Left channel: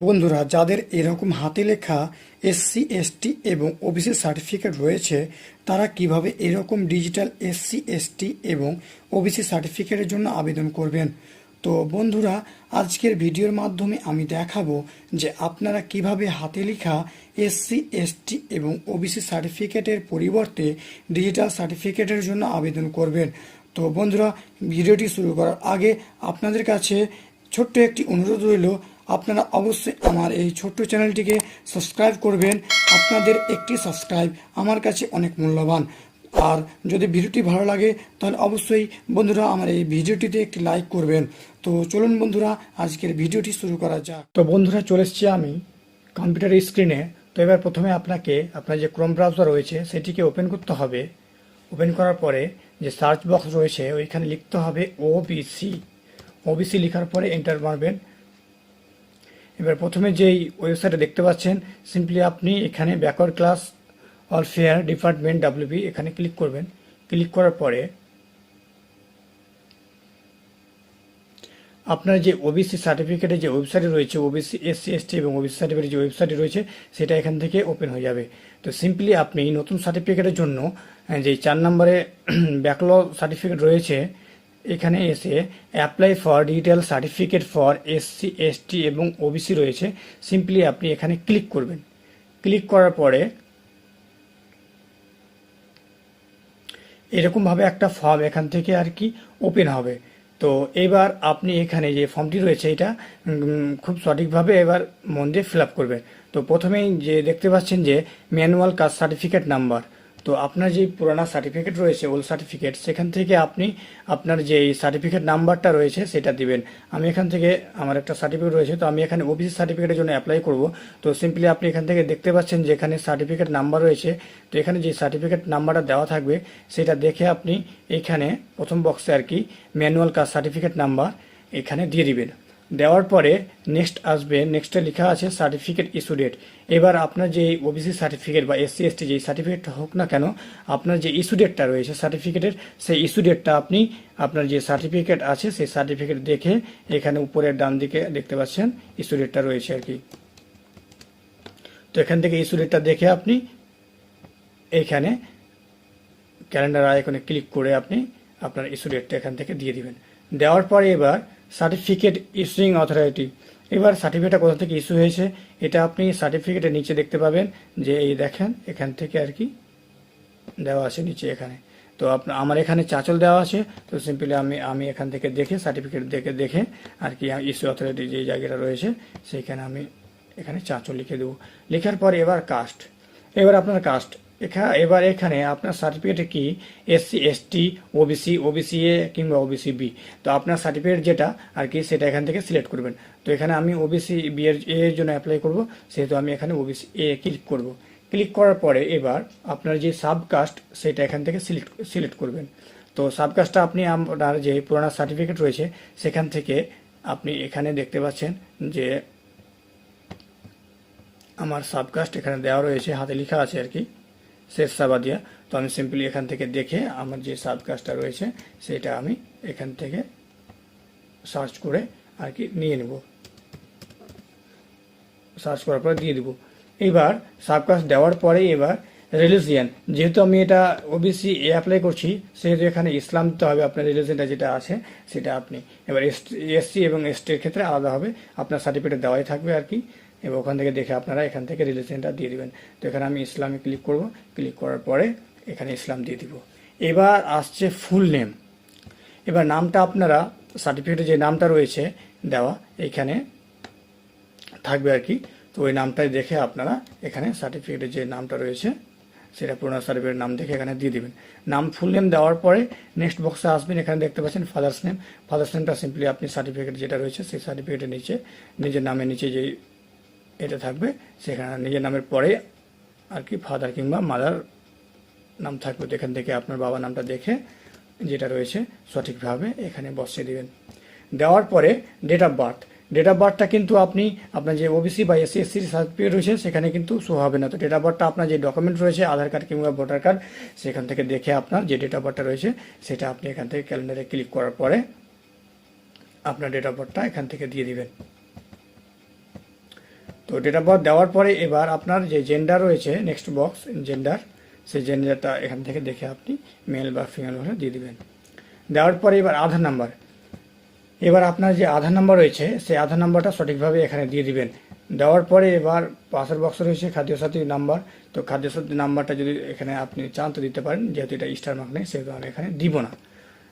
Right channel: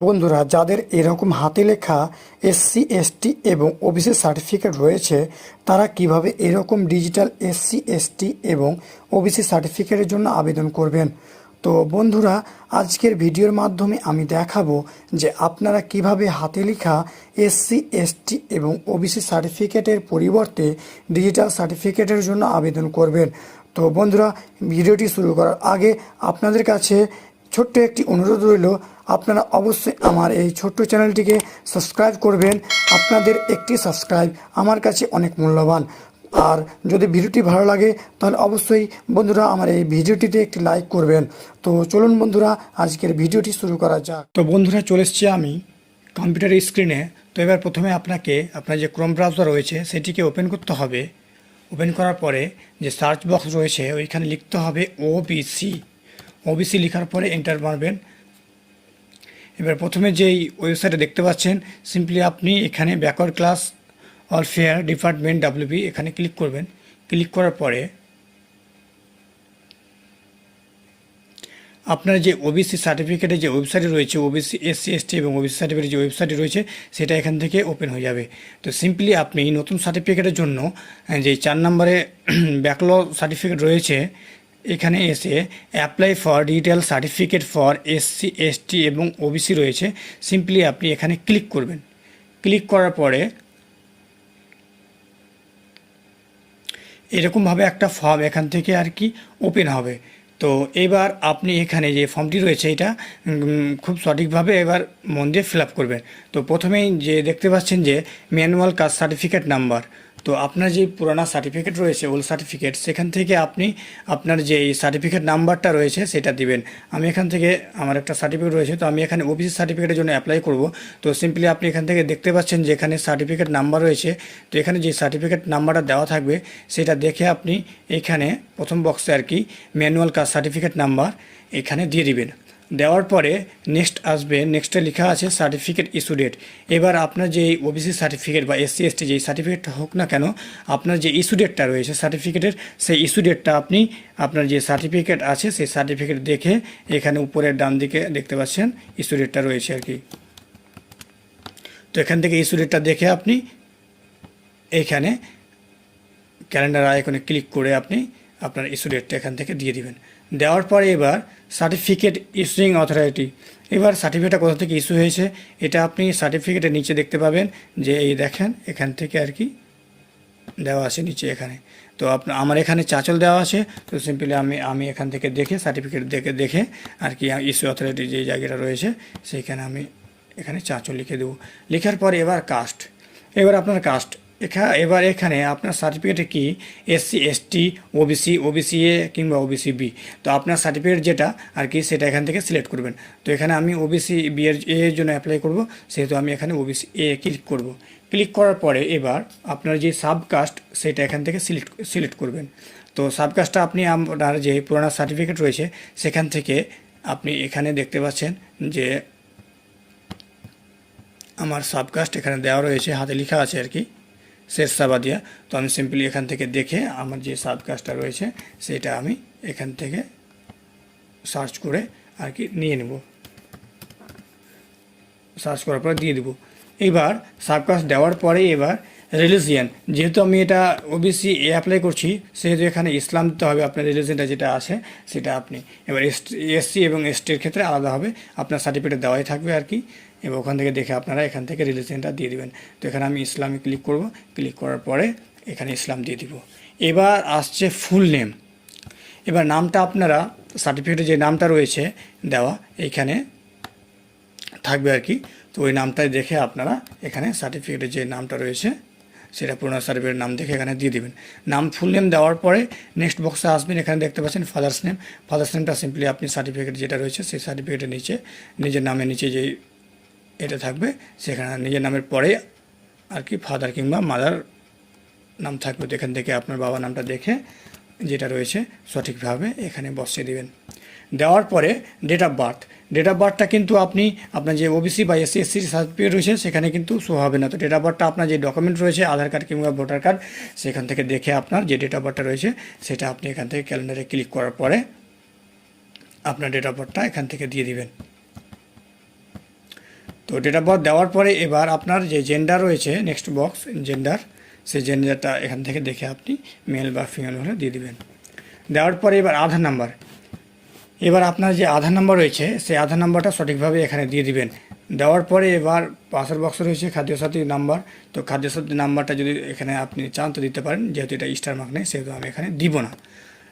বন্ধুরা, যাদের এরকম হাতে লেখা এসসি, এসটি এবং ওবিসি সার্টিফিকেট রয়েছে, তারা কীভাবে এরকম ডিজিটাল এসসি, এসটি এবং ওবিসি সার্টিফিকেটের জন্য আবেদন করবেন? তো বন্ধুরা, আজকের ভিডিওর মাধ্যমে আমি দেখাবো যে আপনারা কীভাবে হাতে লেখা এসসি, এসটি এবং ওবিসি সার্টিফিকেটের পরিবর্তে ডিজিটাল সার্টিফিকেটের জন্য আবেদন করবেন। তো বন্ধুরা, ভিডিওটি শুরু করার আগে আপনাদের কাছে ছোট্ট একটি অনুরোধ রইল আপনারা অবশ্যই আমার এই ছোট্ট চ্যানেলটিকে সাবস্ক্রাইব করবেন। আপনাদের একটি সাবস্ক্রাইব আমার কাছে অনেক মূল্যবান। আর যদি ভিডিওটি ভালো লাগে, তাহলে অবশ্যই বন্ধুরা আমার এই ভিডিওটিতে একটি লাইক করবেন। তো চলুন বন্ধুরা, আজকের ভিডিওটি শুরু করা যাক। তো বন্ধুরা, চলে এসেছি আমি কম্পিউটার স্ক্রিনে। তো এবার প্রথমে আপনাকে, আপনার যে ক্রোম ব্রাউজার রয়েছে, সেটিকে ওপেন করতে হবে। ওপেন করার পরে যে সার্চ বক্স রয়েছে, ওইখানে লিখতে হবে ওবিসি ওবিসি লেখার পরে এন্টার মারবেন। এবার প্রথমে যেই ওয়েবসাইটে দেখতে পাচ্ছেন সিম্পলি আপনি এখানে backward class welfare department WB এখানে ক্লিক করবেন। ক্লিক করার পরে আপনার যে ওবিসি সার্টিফিকেটের যে ওয়েবসাইট রয়েছে ওবিসি এসসি এসটি এবং ওবিসি সার্টিফিকেটের যে ওয়েবসাইট রয়েছে, সেটা এখান থেকে ওপেন হয়ে যাবে। তো সিম্পলি আপনি নতুন সার্টিফিকেটের জন্য যে চার নম্বরে ব্যাকলগ সার্টিফিকেট রয়েছে এখানে এসে apply for digital certificate for SC ST এবং ওবিসি রয়েছে। সিম্পলি আপনি এখানে ক্লিক করবেন। ক্লিক করার পরে এরকমভাবে একটা ফর্ম এখান থেকে আর কি ওপেন হবে। তো এবার আপনি এখানে যে ফর্মটি রয়েছে এটা খুব সঠিকভাবে এবার মন দিয়ে ফিল আপ করবেন। তো প্রথমেই যে দেখতে পাচ্ছেন যে ম্যানুয়াল কাস্ট সার্টিফিকেট নাম্বার তো আপনার যে পুরানা সার্টিফিকেট রয়েছে ওল্ড সার্টিফিকেট সেখান থেকে আপনি আপনার যে সার্টিফিকেট নাম্বারটা রয়েছে সেটা দিবেন। আমি এখান থেকে আমার একটা সার্টিফিকেট রয়েছে, তো আমি এখানে ওবিসি সার্টিফিকেটের জন্য অ্যাপ্লাই করব। তো সিম্পলি আপনি এখান থেকে দেখতে পাচ্ছেন যে এখানে সার্টিফিকেট নাম্বার রয়েছে। তো এখানে যে সার্টিফিকেট নাম্বারটা দেওয়া থাকবে, সেটা দেখে আপনি এখানে প্রথম বক্সে আর কি ম্যানুয়াল কাস্ট সার্টিফিকেট নাম্বার এখানে দিয়ে দিবেন। দেওয়ার পরে নেক্সট আসবে নেক্সটে লেখা আছে সার্টিফিকেট ইস্যু ডেট এবার আপনার যে ওবিসি সার্টিফিকেট বা এসসি এসটি যে সার্টিফিকেটটা হোক না কেন, আপনার যে ইস্যু ডেটটা রয়েছে সার্টিফিকেটের সেই ইস্যু ডেটটা আপনি আপনার যে সার্টিফিকেট আছে সেই সার্টিফিকেট দেখে এখানে উপরের ডান দিকে দেখতে পাচ্ছেন ইস্যু ডেটটা রয়েছে আর কি। তো এখান থেকে ইস্যু ডেটটা দেখে আপনি এখানে ক্যালেন্ডার আইকনে ক্লিক করে আপনি আপনার ইস্যু ডেটটা এখান থেকে দিয়ে দিবেন। দেওয়ার পরে এবার সার্টিফিকেট ইস্যুইং অথরিটি এবার সার্টিফিকেটটা কোথা থেকে ইস্যু হয়েছে, এটা আপনি সার্টিফিকেটের নিচে দেখতে পাবেন যে এই দেখেন, এখান থেকে আর কি দেওয়া আছে নিচে এখানে। তো আপনার আমার এখানে চাচল দেওয়া আছে, তো সিম্পলি আমি আমি এখান থেকে দেখে সার্টিফিকেট দেখে দেখে আর কি ইস্যু অথরিটি যে জায়গাটা রয়েছে, সেইখানে আমি এখানে চাচল লিখে দেবো। লেখার পর এবার কাস্ট এবার আপনার কাস্ট এখা, এবার এখানে আপনার সার্টিফিকেটে কি? SC ST OBC OBC A কিংবা ওবিসি বি তো আপনার সার্টিফিকেট যেটা আর কি সেটা এখান থেকে সিলেক্ট করবেন। তো এখানে আমি ওবিসি বি এর এর জন্য অ্যাপ্লাই করব, সেহেতু আমি এখানে ওবিসি এ ক্লিক করব। ক্লিক করার পরে এবার আপনার যে সাবকাস্ট সেটা এখান থেকে সিলেক্ট সিলেক্ট করবেন। তো সাবকাস্টটা আপনি আপনার যে পুরোনো সার্টিফিকেট রয়েছে, সেখান থেকে আপনি এখানে দেখতে পাচ্ছেন যে আমার সাবকাস্ট এখানে দেওয়া রয়েছে, হাতে লেখা আছে আর কি। শেষ সাবাদিয়া তো আমি সিম্পলি এখান থেকে দেখে আমার যে সাবকাস্টটা রয়েছে, সেটা আমি এখান থেকে সার্চ করে আর কি নিয়ে নেব। সার্চ করার পরে দিয়ে দেবো। এবার সাবকাস্ট দেওয়ার পরে এবার রিলিজিয়ান যেহেতু আমি এটা ওবিসি এ অ্যাপ্লাই করছি, সেহেতু এখানে ইসলাম দিতে হবে আপনার রিলিজিয়ানটা যেটা আছে, সেটা আপনি। এবার এসসি এবং এসটির ক্ষেত্রে আলাদা হবে, আপনার সার্টিফিকেট দেওয়াই থাকবে আর কি। এবং ওখান থেকে দেখে আপনারা এখান থেকে রিলিজিয়ানটা দিয়ে দেবেন। তো এখানে আমি ইসলামে ক্লিক করব। ক্লিক করার পরে এখানে ইসলাম দিয়ে দিব। এবার আসছে ফুল নেম এবার নামটা আপনারা সার্টিফিকেটে যে নামটা রয়েছে দেওয়া এইখানে থাকবে আর কি। তো ওই নামটাই দেখে আপনারা এখানে সার্টিফিকেটের যে নামটা রয়েছে, সেটা পুরোনো সার্টিফিকেটের নাম দেখে এখানে দিয়ে দিবেন। নাম ফুল নেম দেওয়ার পরে নেক্সট বক্সে আসবেন। এখানে দেখতে পাচ্ছেন ফাদার্স নেম ফাদার্স নেমটা সিম্পলি আপনি সার্টিফিকেট যেটা রয়েছে, সেই সার্টিফিকেটের নিচে, নিজের নামের নিচে যে এটা থাকবে, সেখানে নিজের নামের পরে আর কি ফাদার কিংবা মাদার নাম থাকবে। এখান থেকে আপনার বাবার নামটা দেখে যেটা রয়েছে সঠিকভাবে এখানে বসিয়ে দিবেন। দেওয়ার পরে date of birth date of বার্থটা কিন্তু আপনি, আপনার যে ওবিসি বা এসসি এসসি সার্টিফিকেট রয়েছে, সেখানে কিন্তু শো হবে না। তো ডেট অফ বার্থটা আপনার যে ডকুমেন্ট রয়েছে, আধার কার্ড কিংবা ভোটার কার্ড সেখান থেকে দেখে আপনার যে ডেট অফ বার্থটা রয়েছে, সেটা আপনি এখান থেকে ক্যালেন্ডারে ক্লিক করার পরে আপনার ডেট অফ বার্থটা এখান থেকে দিয়ে দিবেন। তো ডেট অফ বার্থ দেওয়ার পরে এবার আপনার যে জেন্ডার রয়েছে নেক্সট বক্স জেন্ডার সেই জেন্ডারটা এখান থেকে দেখে আপনি মেল বা ফিমেল হলে দিয়ে দেবেন। দেওয়ার পরে এবার আধার নাম্বার এবার আপনার যে আধার নাম্বার রয়েছে, সেই আধার নাম্বারটা সঠিকভাবে এখানে দিয়ে দিবেন। দেওয়ার পরে এবার পাশের বক্স রয়েছে খাদ্যসাথী নাম্বার তো খাদ্যসাথী নাম্বারটা যদি এখানে আপনি চান তো দিতে পারেন, যেহেতু এটা স্টার মার্ক নেই, সেহেতু আমি এখানে দিব না।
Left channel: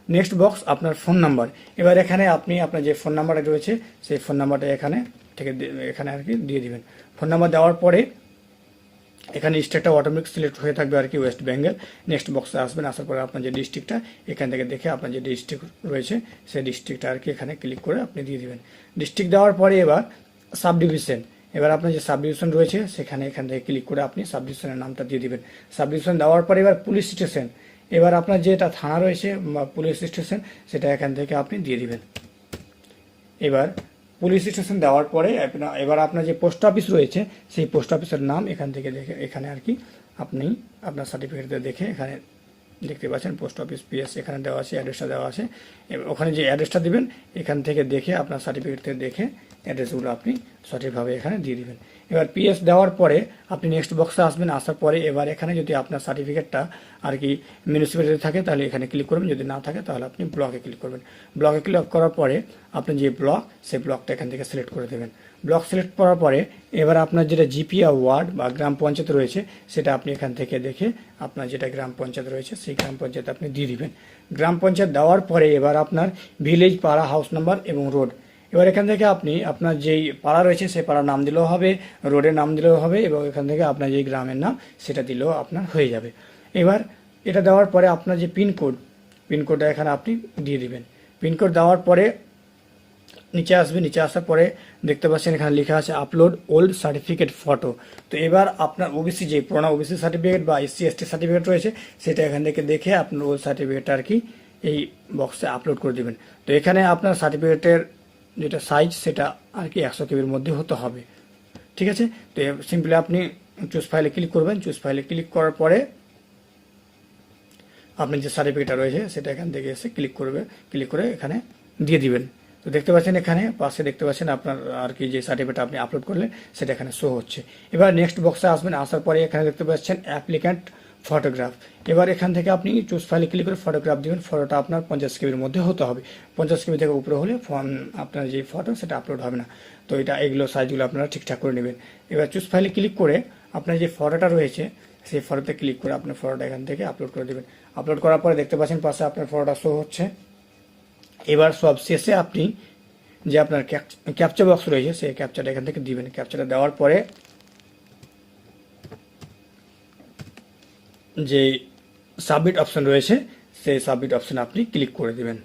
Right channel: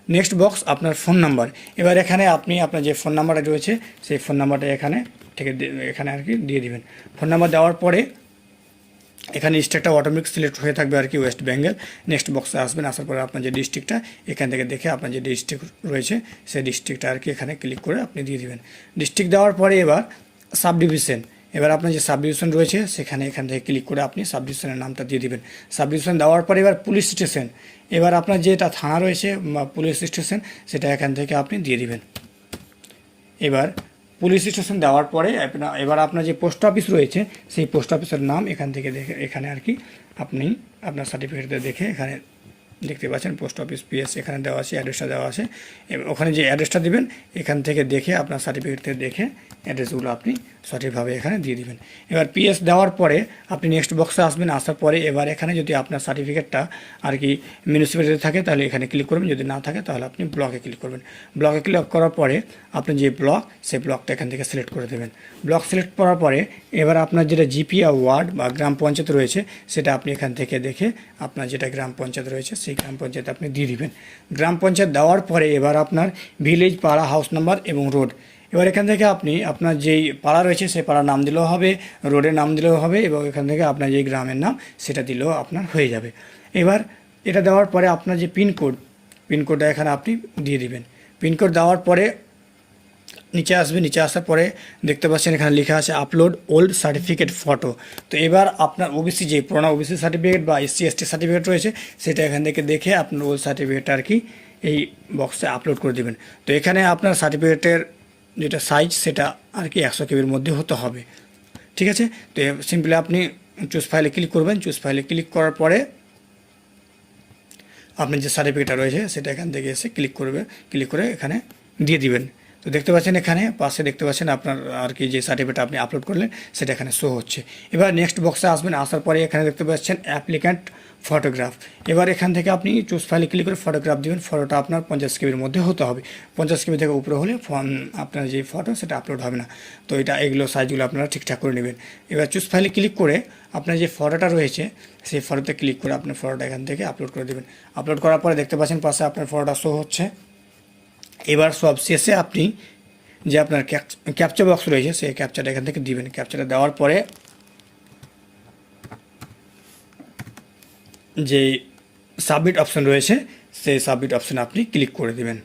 নেক্সট বক্স আপনার ফোন নাম্বার এবার এখানে আপনি আপনার যে ফোন নাম্বারটা রয়েছে, সেই ফোন নাম্বারটা এখানে থেকে এখানে আর কি দিয়ে দিবেন। ফোন নাম্বার দেওয়ার পরে এখানে স্টেটটা অটোমেটিক সিলেক্ট হয়ে থাকবে আর কি ওয়েস্ট বেঙ্গল নেক্সট বক্সে আসবেন, আসার পরে আপনার যে ডিস্ট্রিক্টটা এখান থেকে দেখে আপনার যে ডিস্ট্রিক্ট রয়েছে, সেই ডিস্ট্রিক্টটা আর কি এখানে ক্লিক করে আপনি দিয়ে দিবেন। ডিস্ট্রিক্ট দেওয়ার পরে এবার সাব ডিভিশন এবার আপনার যে সাব ডিভিশন রয়েছে, সেখানে এখান থেকে ক্লিক করে আপনি সাব ডিভিশনের নামটা দিয়ে দিবেন। সাব ডিভিশন দেওয়ার পরে এবার পুলিশ স্টেশন এবার আপনার যেটা থানা রয়েছে পুলিশ স্টেশন সেটা এখান থেকে আপনি দিয়ে দিবেন। এবার পুলিশ স্টেশন দেওয়ার পরে এবার আপনার যে পোস্ট অফিস রয়েছে, সেই পোস্ট অফিসের নাম এখান থেকে দেখে, এখানে আর কি আপনি আপনার সার্টিফিকেটটা দেখে এখানে দেখতে পাচ্ছেন, পোস্ট অফিস পিএস এখানে দেওয়া আছে অ্যাড্রেসটা দেওয়া আছে। ওখানে যে অ্যাড্রেসটা দিবেন, এখান থেকে দেখে আপনার সার্টিফিকেট দেখে অ্যাড্রেসগুলো আপনি সঠিকভাবে এখানে দিয়ে দিবেন। এবার পিএস দেওয়ার পরে আপনি নেক্সট বক্সে আসবেন, আসার পরে এবার এখানে যদি আপনার সার্টিফিকেটটা আর কি মিউনিসিপ্যালিটি থাকে, তাহলে এখানে ক্লিক করবেন। যদি না থাকে, তাহলে আপনি ব্লকে ক্লিক করবেন। ব্লকে ক্লিক করার পরে আপনি যে ব্লক সেই ব্লকটা এখান থেকে সিলেক্ট করে দেবেন। ব্লক সিলেক্ট করার পরে এবার আপনার যেটা জিপিয়া ওয়ার্ড বা গ্রাম পঞ্চায়েত রয়েছে, সেটা আপনি এখান থেকে দেখে আপনার যেটা গ্রাম পঞ্চায়েত রয়েছে, সেই গ্রাম পঞ্চায়েত আপনি দিয়ে দিবেন। গ্রাম পঞ্চায়েত দেওয়ার পরে এবার আপনার ভিলেজ পাড়া হাউস নাম্বার এবং রোড। এবার এখান থেকে আপনি আপনার যেই পাড়া রয়েছে, সেই পাড়ার নাম দিলেও হবে, রোডের নাম দিলেও হবে এবং এখান থেকে আপনার যেই গ্রামের নাম, সেটা দিলেও আপনার হয়ে যাবে। এবার এটা দেওয়ার পরে আপনার যে পিনকোড, পিনকোডটা এখানে আপনি দিয়ে দিবেন। পিনকোড দেওয়ার পরে নিচে আসবে, নিচে আসার পরে দেখতে পাচ্ছেন এখানে লেখা আছে আপলোড ওল্ড সার্টিফিকেট ফটো তো এবার আপনার ওবিসি যে পুরোনো ওবিসি সার্টিফিকেট বা এসসি এসটি সার্টিফিকেট রয়েছে, সেটা এখান থেকে দেখে আপনার ওল্ড সার্টিফিকেটটা আর কি এই বক্সে আপলোড করে দেবেন। তো এখানে আপনার সার্টিফিকেটের যেটা সাইজ সেটা আর কি একশো কেবির মধ্যে হতে হবে। ঠিক আছে? তো সিম্পলি আপনি চুজ ফাইলে ক্লিক করবেন। চুজ ফাইলে ক্লিক করার পরে আপনার যে সার্টিফিকেটটা রয়েছে, সেটা এখান থেকে এসে ক্লিক করবে ক্লিক করে এখানে দিয়ে দিবেন। তো দেখতে পাচ্ছেন এখানে, পাশে দেখতে পাচ্ছেন আপনার আর কি যে সার্টিফিকেট আপনি আপলোড করলেন, সেটা এখানে শো হচ্ছে। এবার নেক্সট বক্সে আসবেন, আসার পরে এখানে দেখতে পাচ্ছেন অ্যাপ্লিক্যান্ট ফটোগ্রাফ এবার এখান থেকে আপনি চুজ ফাইলে ক্লিক করে ফটোগ্রাফ দেবেন ফটোটা আপনার পঞ্চাশ কেবির মধ্যে হতে হবে। পঞ্চাশ কেবি থেকে উপরে হলে ফোন, আপনার যে ফটো সেটা আপলোড হবে না। তো এটা, এগুলো সাইজগুলো আপনারা ঠিকঠাক করে নেবেন। এবার চুজ ফাইলে ক্লিক করে আপনার যে ফটোটা রয়েছে, সেই ফটোতে ক্লিক করে আপনার ফটোটা এখান থেকে আপলোড করে দেবেন। আপলোড করার পরে দেখতে পাচ্ছেন পাশে আপনার ফটোটা শো হচ্ছে। এবার সব শেষে আপনি যে আপনার ক্যাপচা বক্স রয়েছে, সেই ক্যাপচাটা এখান থেকে দিবেন। ক্যাপচাটা দেওয়ার পরে যে সাবমিট অপশন রয়েছে, সেই সাবমিট অপশানে আপনি ক্লিক করে দিবেন।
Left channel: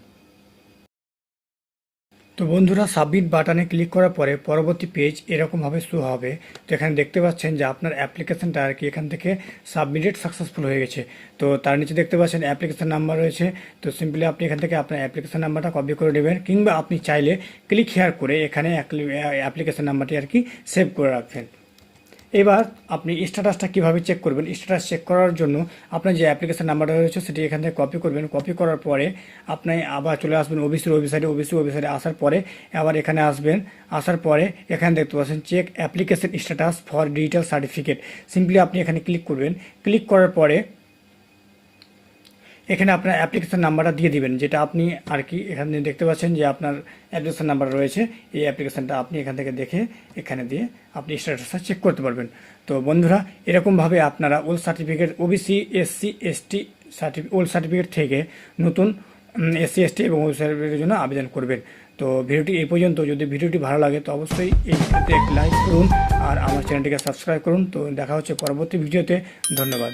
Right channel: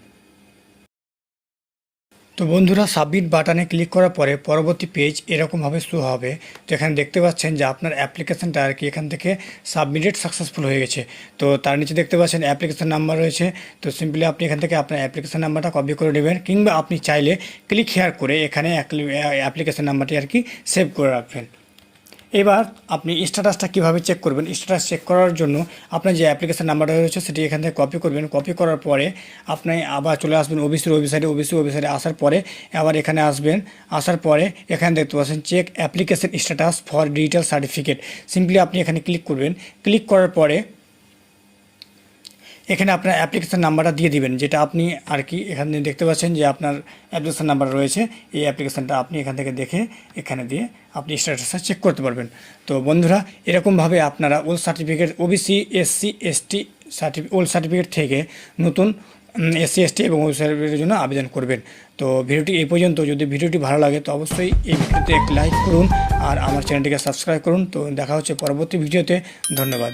তো বন্ধুরা সাবমিট বাটনে ক্লিক করার পরে পরবর্তী পেজ এরকমভাবে শো হবে। তো এখানে দেখতে পাচ্ছেন যে আপনার অ্যাপ্লিকেশনটা আর কি এখান থেকে সাবমিটেড সাকসেসফুল হয়ে গেছে। তো তার নিচে দেখতে পাচ্ছেন অ্যাপ্লিকেশন নাম্বার রয়েছে। তো সিম্পলি আপনি এখান থেকে আপনার অ্যাপ্লিকেশান নাম্বারটা কপি করে নেবেন কিংবা আপনি চাইলে ক্লিক হেয়ার করে এখানে অ্যাপ্লিকেশন নাম্বারটি আর কি সেভ করে রাখবেন। এবার আপনি স্ট্যাটাসটা কীভাবে চেক করবেন? স্ট্যাটাস চেক করার জন্য আপনার যে অ্যাপ্লিকেশান নাম্বারটা রয়েছে, সেটি এখান থেকে কপি করবেন। কপি করার পরে আপনি আবার চলে আসবেন ওবিসির ওয়েবসাইটে ওবিসি ওয়েবসাইটে আসার পরে আবার এখানে আসবেন। আসার পরে এখানে দেখতে পাচ্ছেন check application status for digital certificate simply আপনি এখানে ক্লিক করবেন। ক্লিক করার পরে এখানে আপনার অ্যাপ্লিকেশান নাম্বারটা দিয়ে দিবেন, যেটা আপনি আর কি এখানে দেখতে পাচ্ছেন যে আপনার অ্যাপ্লিকেশন নাম্বার রয়েছে, এই অ্যাপ্লিকেশনটা আপনি এখান থেকে দেখে এখানে দিয়ে আপনি স্ট্যাটাসটা চেক করতে পারবেন। তো বন্ধুরা, এরকমভাবে আপনারা old certificate OBC SC ST certificate old certificate থেকে নতুন এসসি এসটি এবং ওল্ড সার্টিফিকেটের জন্য আবেদন করবেন। তো ভিডিওটি এই পর্যন্ত, যদি ভিডিওটি ভালো লাগে তো অবশ্যই এই ভিডিওতে লাইক করুন, আর আমার চ্যানেলটিকে সাবস্ক্রাইব করুন। তো দেখা হচ্ছে পরবর্তী ভিডিওতে, ধন্যবাদ।